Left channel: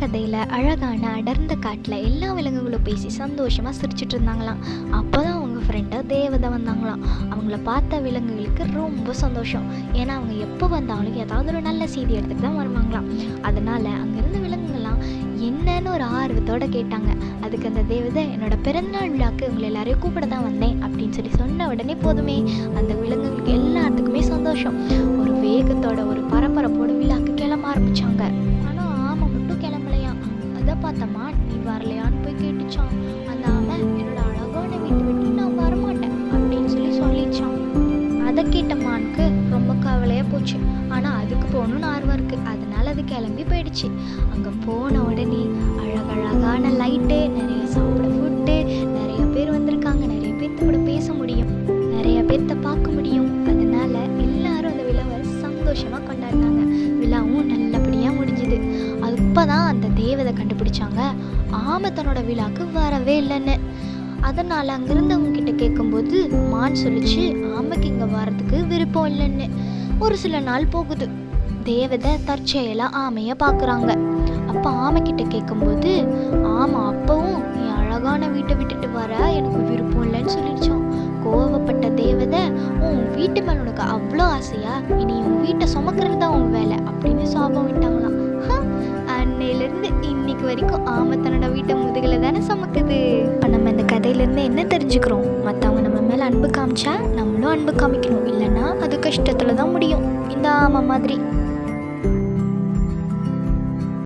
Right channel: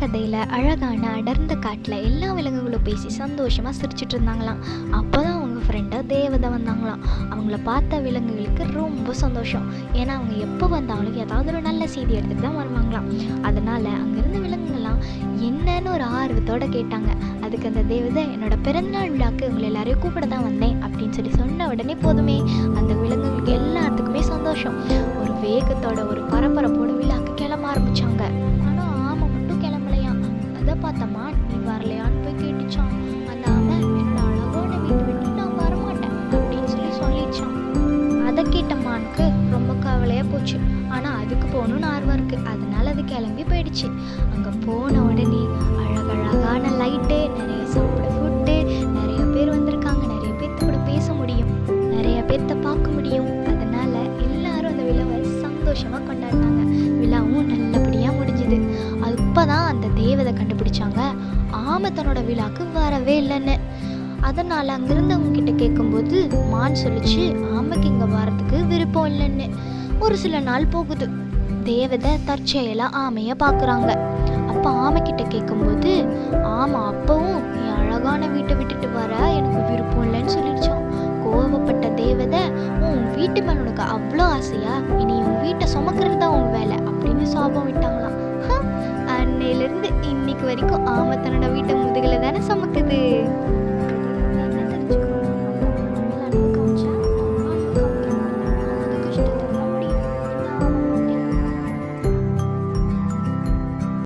கதையில் அழகான அடர்ந்த காட்டில் எல்லா விலங்குகளும் பேசி சந்தோஷமாக சிரிச்சிட்டு இருந்தாங்களாம். அப்போ தான் அவங்க ஃப்ரெண்டாக தேவதை வந்தாங்களாம். அவங்கள பார்த்த விலங்குகளுக்கு ரொம்ப சந்தோஷம். ஏன்னா அவங்க எப்போ வந்தாலும் ஏதாவது ஒரு நல்ல செய்தி எடுத்துகிட்டு தான் வருவாங்களாம். அதனால் அங்கேருந்து விலங்குகள்லாம் என்னன்னு ஒரு ஆர்வத்தோடு கேட்டாங்க. அதுக்கு அந்த தேவதை, என்னோட பிறந்தநாள் விழாக்கு உங்களை எல்லாரையும் கூப்பிட தான் வந்தேன் அப்படின்னு சொன்ன உடனே போதுமே அந்த விலங்குகளுக்கு எல்லாத்துக்குமே சந்தோஷம். ஒரு வேகத்தோட ஒரு பரபரப்போட விழாக்கு கிளம்ப ஆரம்பிச்சாங்க. ஆனால் ஆமை மட்டும் கிளம்பலையாம். அதை பார்த்தம்மா நீ வரலையான்னு போய் கேட்டுச்சான். அந்த ஆமை, என்னோட அழகான வீட்டை விட்டு நான் வரமாட்டேன் அப்படின்னு சொல்லிச்சான். அதை கேட்ட மானுக்கு ரொம்ப கவலையாக போச்சு. ஆனால் அதுக்கு போகணுன்னு ஆர்வம் இருக்குது. அதனால அது கிளம்பி போயிடுச்சு. அங்கே போன உடனே அழகழகான லைட்டு, நிறைய சாப்பிட ஃபுட்டு, நிறைய பேர் வந்திருக்காங்க. நிறைய பேர்த்து கூட பேச முடியும், நிறைய பேர்த்த பார்க்க முடியும். அதனால எல்லாரும் அந்த விழாவை சந்தோஷமாக கொண்டாடினாங்க. விழாவும் நல்லபடியாக முடிஞ்சுது. அப்போ தான் அந்த தேவதை கண்டுபிடிச்சாங்க ஆமை தன்னோட விழாக்கு வரவே இல்லைன்னு. அதனால் அங்கிருந்தவங்க கிட்ட கேட்கும்போது மான் சொல்லிச்சு, ஆமைக்கு இங்கே வர்றதுக்கு விருப்பம் இல்லைன்னு. ஒரு சில நாள் போகுது. தேவதை தற்செயலாக ஆமையை பார்க்குறாங்க. அப்போ ஆமைக்கிட்ட கேட்கும்போது ஆமா அப்பவும் நீ அழகான வீட்டை விட்டுட்டு வர எனக்கு விருப்பம் இல்லைன்னு சொல்லிடுச்சான். கோவப்பட்ட தேவதை, உன் வீட்டு மேல உனக்கு அவ்வளோ ஆசையா, இனி உன் வீட்டை சுமக்கிறது தான் உன் வேலை அப்படின்னு சாபம் விட்டாங்களாம். அன்னையிலேருந்து இன்னைக்கு வரைக்கும் ஆமை தன்னோட வீட்டை முதுகில் தானே சுமக்குது. இப்போ நம்ம இந்த கதையிலேருந்து என்ன தெரிஞ்சுக்கிறோம்? மற்றவங்க நம்ம மேலே அன்பு காமிச்சா நம்மளும் அன்பு காமிக்கணும், இல்லைன்னா அது கஷ்டத்தில் தான் முடியும், இந்த ஆமை மாதிரி.